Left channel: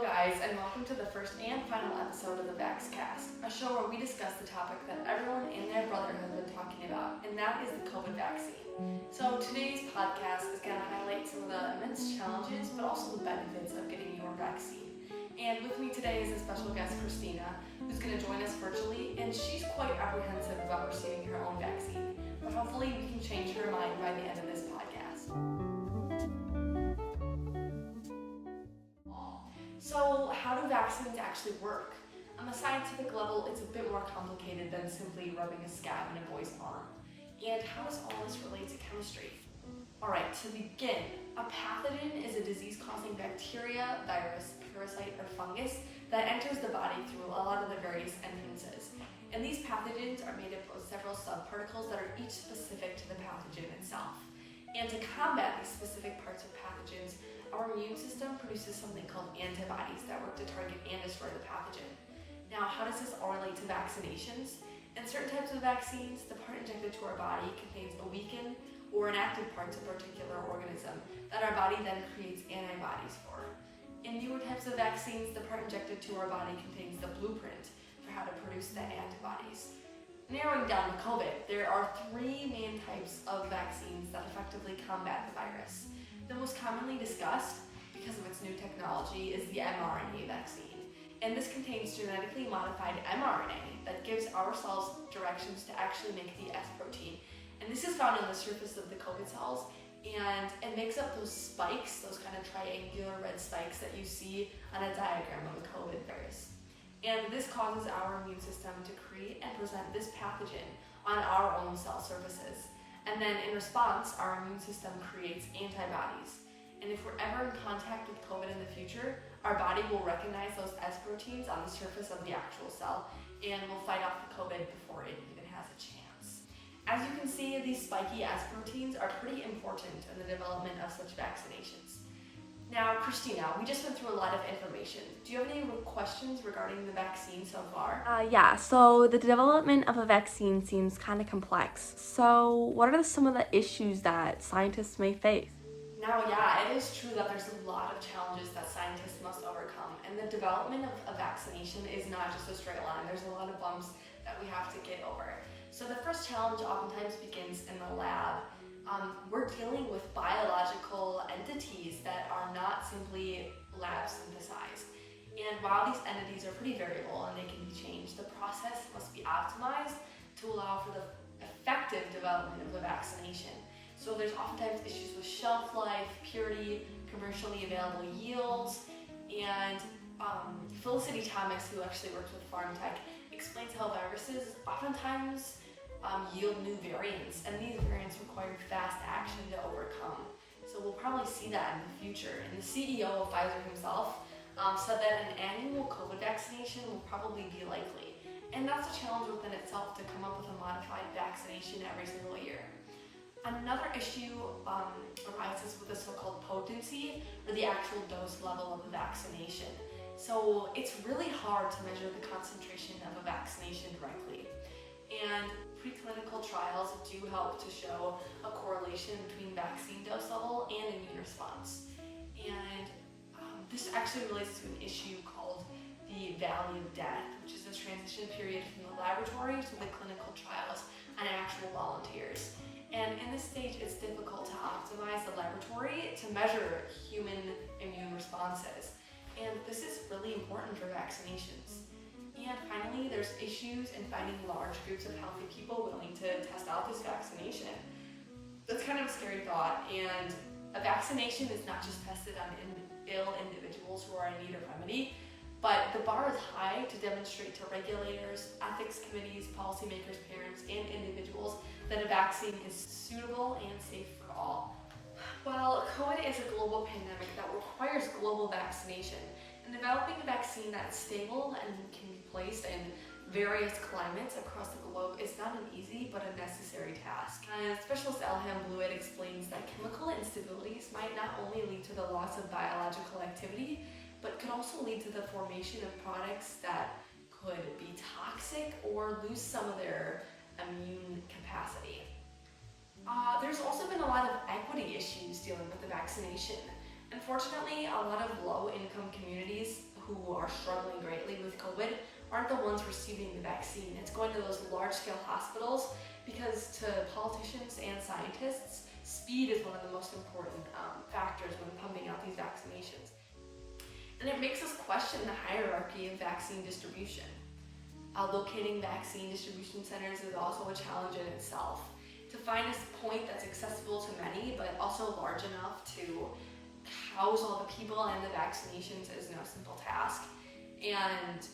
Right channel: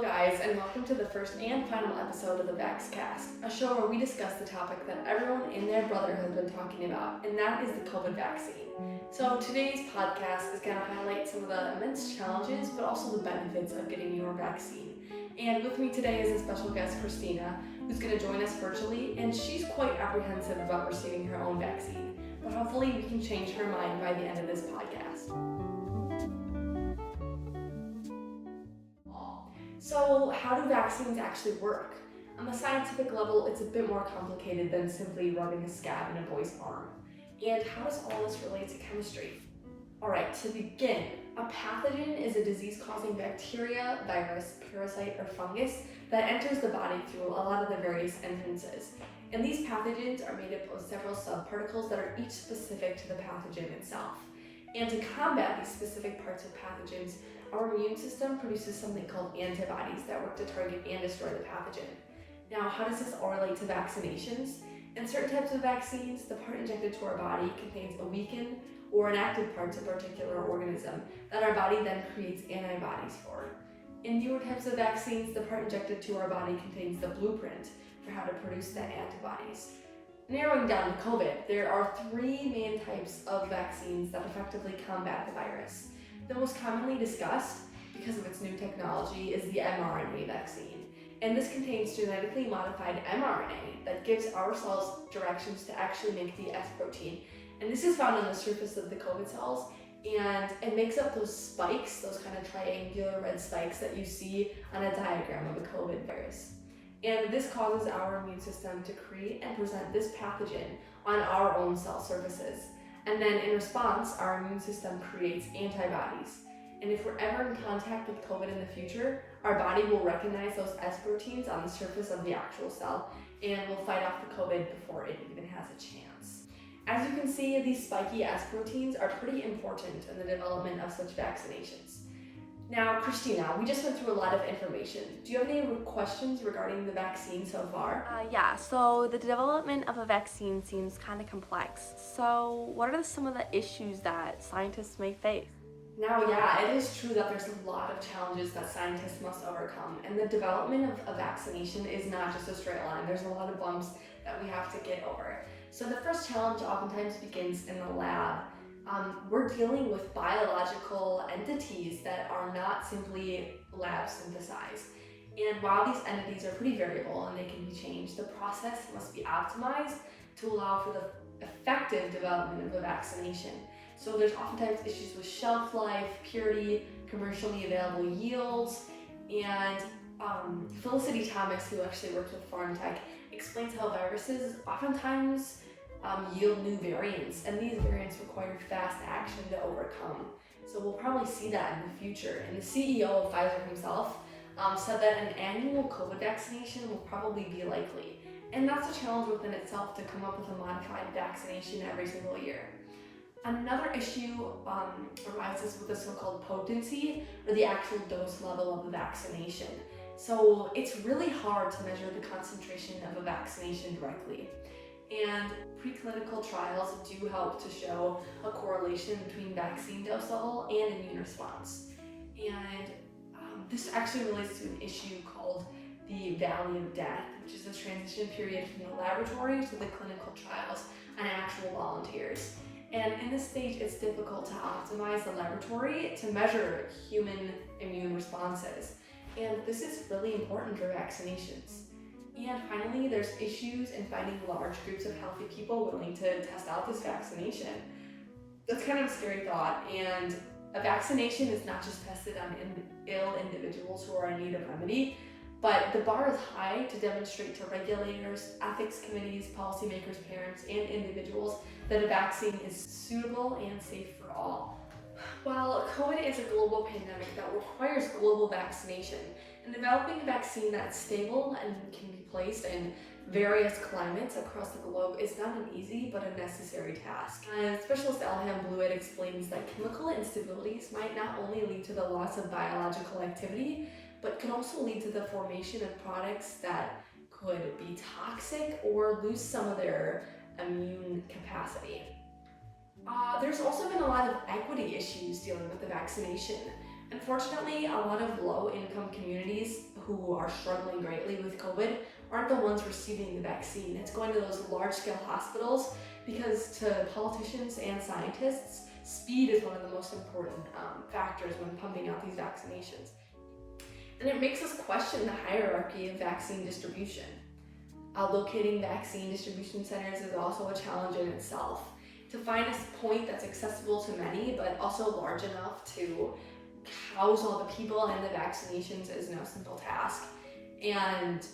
Hello guys, and welcome to the first and final episode of the VaxCast, a show where we discuss the topic that everyone in their brotherhood has been talking about, and that is the COVID vaccine. So today's podcast is going to highlight some of the immense challenges, but also the benefits of getting your vaccine. And with me today is a special guest, Christina, who's going to join us virtually, and she's quite apprehensive about receiving her own vaccine, but hopefully we can change her mind by the end of this podcast. So how do vaccines actually work? On the scientific level, it's a bit more complicated than simply rubbing a scab in a boy's arm. And how does all this relate to chemistry? Alright, to begin, a pathogen is a disease-causing bacteria, virus, parasite, or fungus that enters the body through a lot of the various entrances. And these pathogens are made up of several subparticles that are each specific to the pathogen itself. And to combat these specific parts of pathogens, our immune system produces something called antibodies that work to target and destroy the pathogen. Now, how does this all relate to vaccinations? In certain types of vaccines, the part injected to our body contains a weakened or inactive parts of a particular organism that our body then creates antibodies for. In newer types of vaccines, the part injected to our body contains the blueprint for how to produce the antibodies. Narrowing down to COVID, there are three main types of vaccines that effectively combat the virus. The most commonly discussed, because of its new technology, is the mRNA vaccine. And this contains genetically modified mRNA that gives our cells directions to actually make the S protein. And this is found on the surface of the COVID cells, and it makes up those spikes, those kind of triangular red spikes that you see on a diagram of a COVID virus. And this causes our immune system to create and present this pathogen on our own cell surfaces. And then in response, our immune system creates antibodies. And if we're ever in contact with COVID in the future, our body will recognize those S proteins on the surface of the actual cell and will fight off the COVID before it even has a chance. As you can see, these spiky S proteins are pretty important in the development of such vaccinations. Now, Christina, we just went through a lot of information. Do you have any questions regarding the vaccine so far? So the development of a vaccine seems kind of complex. So what are some of the issues that scientists may face? Now, yeah, it is true that there's a lot of challenges that scientists must overcome, and the development of a vaccination is not just a straight line. There's a lot of bumps that we have to get over. So the first challenge oftentimes begins in the lab. We're dealing with biological entities that are not simply lab synthesized. And while these entities are pretty variable and they can be changed, the process must be optimized to allow for the effective development of a vaccination. So there's oftentimes issues with shelf life, purity, commercially available yields, and Felicity Thomas, who actually works with Pharm Tech, explains how viruses oftentimes yield new variants, and these variants require fast action to overcome. So we'll probably see that in the future. And the CEO of Pfizer himself said that an annual COVID vaccination will probably be likely. And that's a challenge within itself to come up with a modified vaccination every single year. Another issue arises with the so-called potency, or the actual dose level of the vaccination. So it's really hard to measure the concentration of a vaccination directly. And preclinical trials do help to show a correlation between vaccine dose level and immune response. And this actually relates to an issue called the valley of death, which is a transition period from the laboratory to the clinical trials on actual volunteers. And in this stage, it's difficult to optimize the laboratory to measure human immune responses. And this is really important for vaccinations. And finally, there's issues in finding large groups of healthy people willing to test out this vaccination. That's kind of a scary thought, and a vaccination is not just tested on ill individuals who are in need of remedy, but the bar is high to demonstrate to regulators, ethics committees, policymakers, parents, and individuals that a vaccine is suitable and safe for all. While COVID is a global pandemic that requires global vaccination, and developing a vaccine that's stable and can be placed in various climates across the globe is not an easy but a necessary task. Specialist Elham Blewett explains that chemical instabilities might not only lead to the loss of biological activity, but could also lead to the formation of products that could be toxic or lose some of their immune capacity. There's also been a lot of equity issues dealing with the vaccination. Unfortunately, a lot of low-income communities who are struggling greatly with COVID aren't the ones receiving the vaccine. It's going to those large-scale hospitals because to politicians and scientists, speed is one of the most important factors when pumping out these vaccinations. And it makes us question the hierarchy of vaccine distribution. Locating vaccine distribution centers is also a challenge in itself. To find a point that's accessible to many, but also large enough to house all the people and the vaccinations is no simple task. And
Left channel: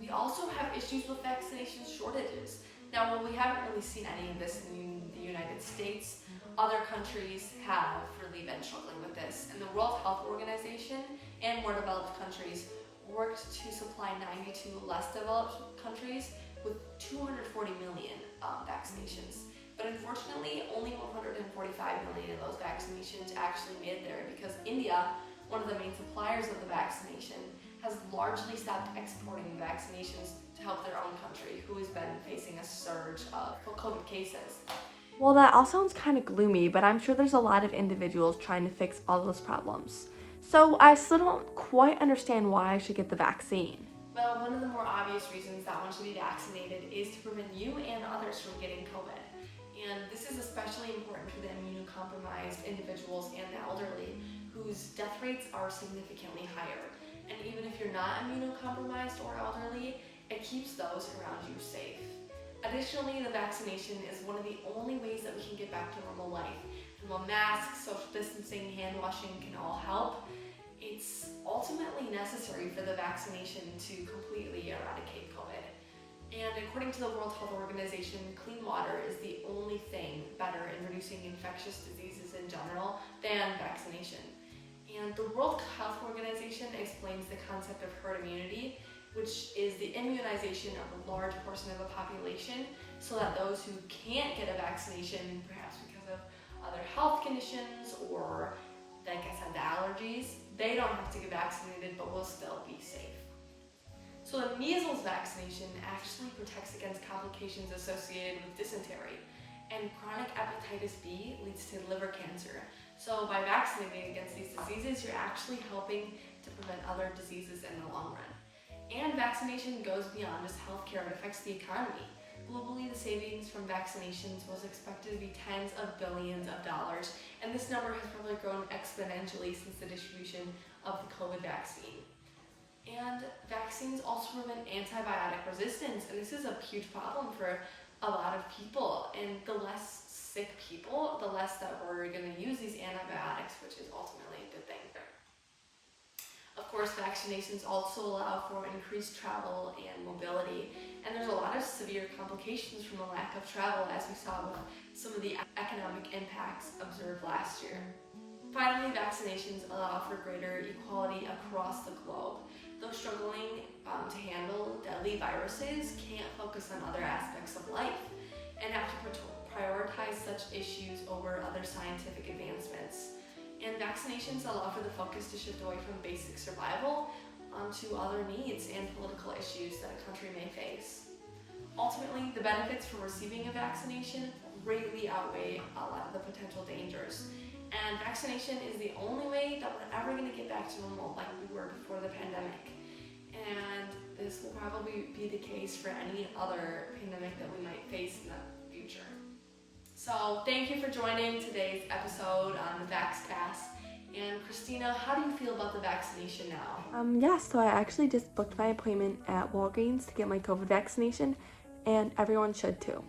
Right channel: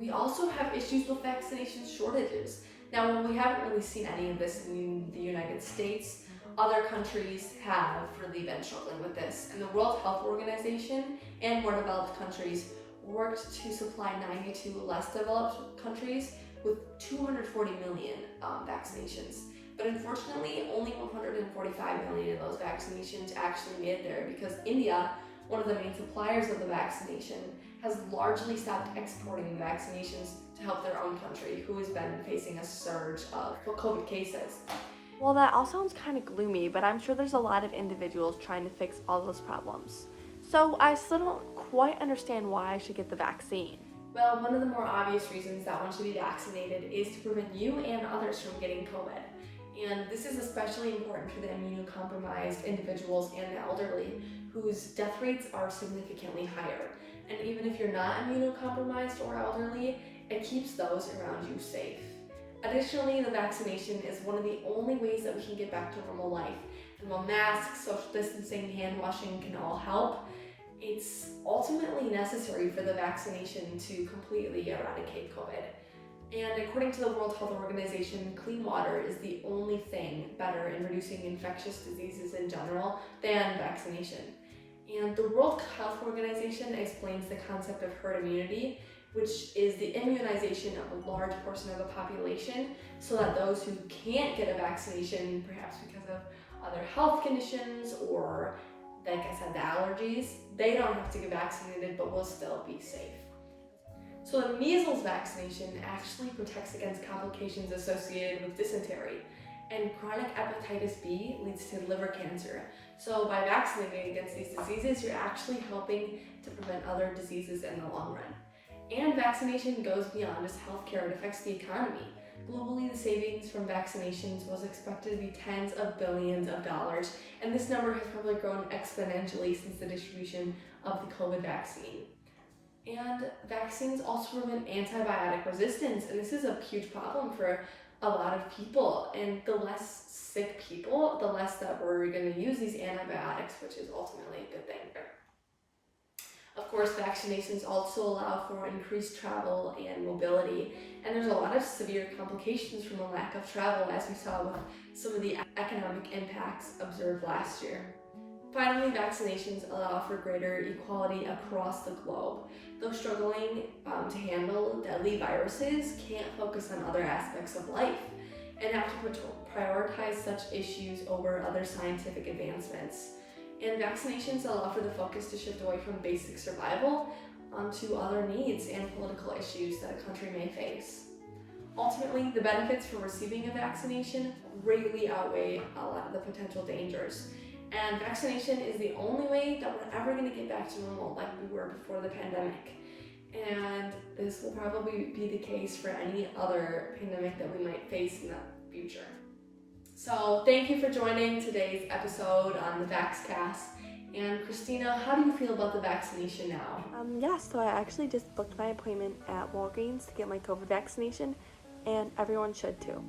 we also have issues with vaccination shortages. Now, while we haven't really seen any of this in the United States, other countries have really been struggling with this. And the World Health Organization and more developed countries worked to supply 92 less developed countries with 240 million vaccinations. But unfortunately, only 145 million of those vaccinations actually made there because India, one of the main suppliers of the vaccination, has largely stopped exporting the vaccinations to help their own country, who has been facing a surge of COVID cases. Well, that all sounds kind of gloomy, but I'm sure there's a lot of individuals trying to fix all those problems. So I still don't quite understand why I should get the vaccine. Well, one of the more obvious reasons that one should be vaccinated is to prevent you and others from getting COVID. And this is especially important for the immunocompromised individuals and the elderly, whose death rates are significantly higher. And even if you're not immunocompromised or elderly, it keeps those around you safe. Additionally, the vaccination is one of the only ways that we can get back to normal life. And while masks, social distancing, hand washing can all help, it's ultimately necessary for the vaccination to completely eradicate COVID. And according to the World Health Organization, clean water is the only thing better in reducing infectious diseases in general than vaccination. And the World Health Organization explains the concept of herd immunity, which is the immunization of a large portion of the population so that those who can't get a vaccination, perhaps because of other health conditions or, like I said, the allergies, they don't have to get vaccinated but will still be safe. So the measles vaccination actually protects against complications associated with dysentery, and chronic hepatitis B leads to liver cancer. So by vaccinating against these diseases, you're actually helping to prevent other diseases in the long run. And vaccination goes beyond just healthcare, it affects the economy. Globally, the savings from vaccinations was expected to be tens of billions of dollars, and this number has probably grown exponentially since the distribution of the COVID vaccine. And vaccines also prevent antibiotic resistance, and this is a huge problem for a lot of people. And the less sick people, the less that we're going to use these antibiotics, which is ultimately a good thing. Of course, vaccinations also allow for increased travel and mobility, and there's a lot of severe complications from the lack of travel, as we saw with some of the economic impacts observed last year. Finally, vaccinations allow for greater equality across the globe. Those struggling to handle deadly viruses can't focus on other aspects of life and have to prioritize such issues over other scientific advancements. And vaccinations allow for the focus to shift away from basic survival onto other needs and political issues that a country may face. Ultimately, the benefits for receiving a vaccination greatly outweigh a lot of the potential dangers. And vaccination is the only way that we're ever going to get back to normal like we were before the pandemic. And this will probably be the case for any other pandemic that we might face in the future. So thank you for joining today's episode on the VaxCast. And Christina, how do you feel about the vaccination now? So I actually just booked my appointment at Walgreens to get my COVID vaccination, and everyone should too.